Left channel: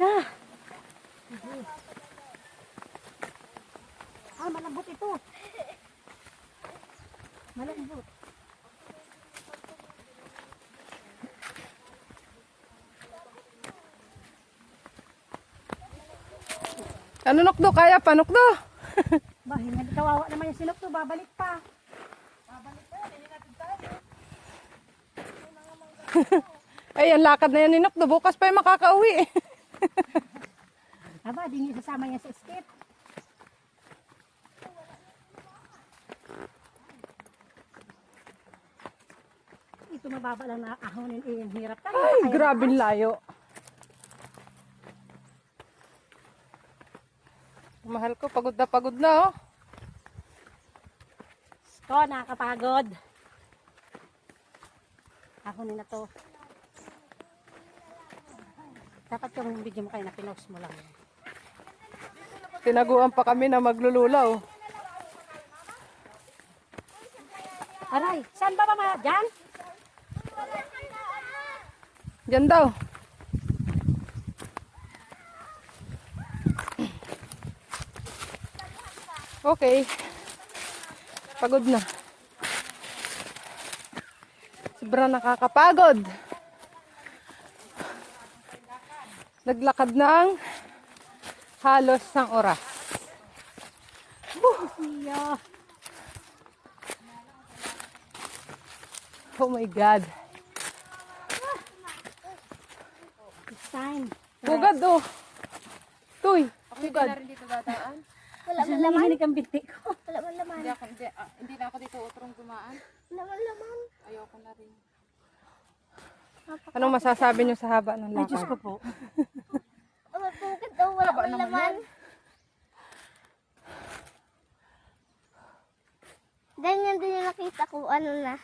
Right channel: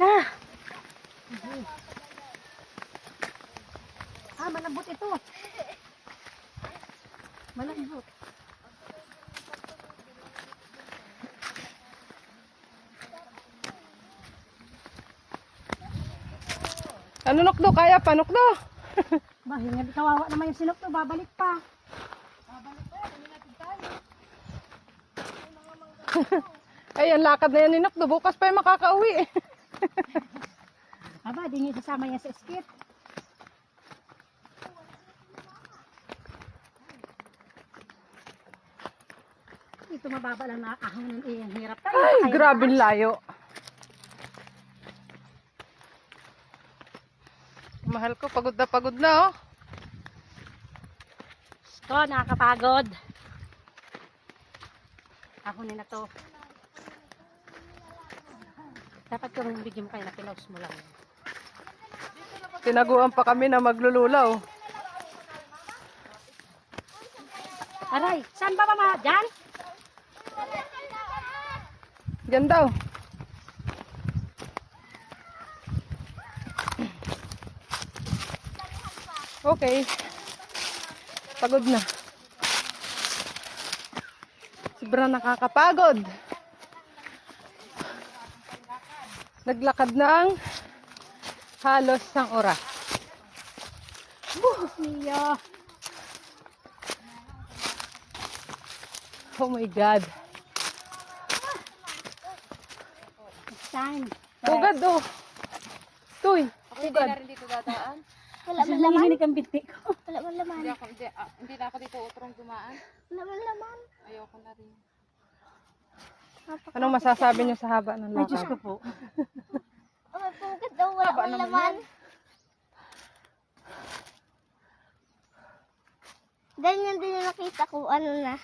Ah! Ah, malambot ito. Malambot. Ano nukdo? Kaya pa nukdo? Ba, hinga, kawawa naman yung sinok to, babalik pa. Ay, ang lakad na yan ni nukdo. Bukas pa yung makakauwi. Aba, di niya sasama yan sa skit. Ito mababa lang na ahonin eh, ang hirap tayo. Ay, Kaya grabe mataas. layo. Mahal ko, pagod na oh. Ko, nakakapagod. Ahonin na to. Dapat yung video mo kayo na pinost mo lang. Tinaguan pa kami na maglululaw. Aray, saan ba mama? Diyan? Diyan daw. Okay. Pagod na. Sobrang nakakapagod. Naglakad na ang halos ng oras. Niya. Oh my God. It's time. Tugad oh. Tuy. Ako hindi na rin dito dadaan. Wala man laman. Hihinig ang binti ko. Wala man laman. Hindi na ako dito utrong dumaan. Wala man laman. Ayoko na rin. Anong masasabi niyo sa haba ng Ay, Diyos lakad? ko po. Mapugad daw, wala Haba man naman laman. Ganyan din yung nakita ko, ano na.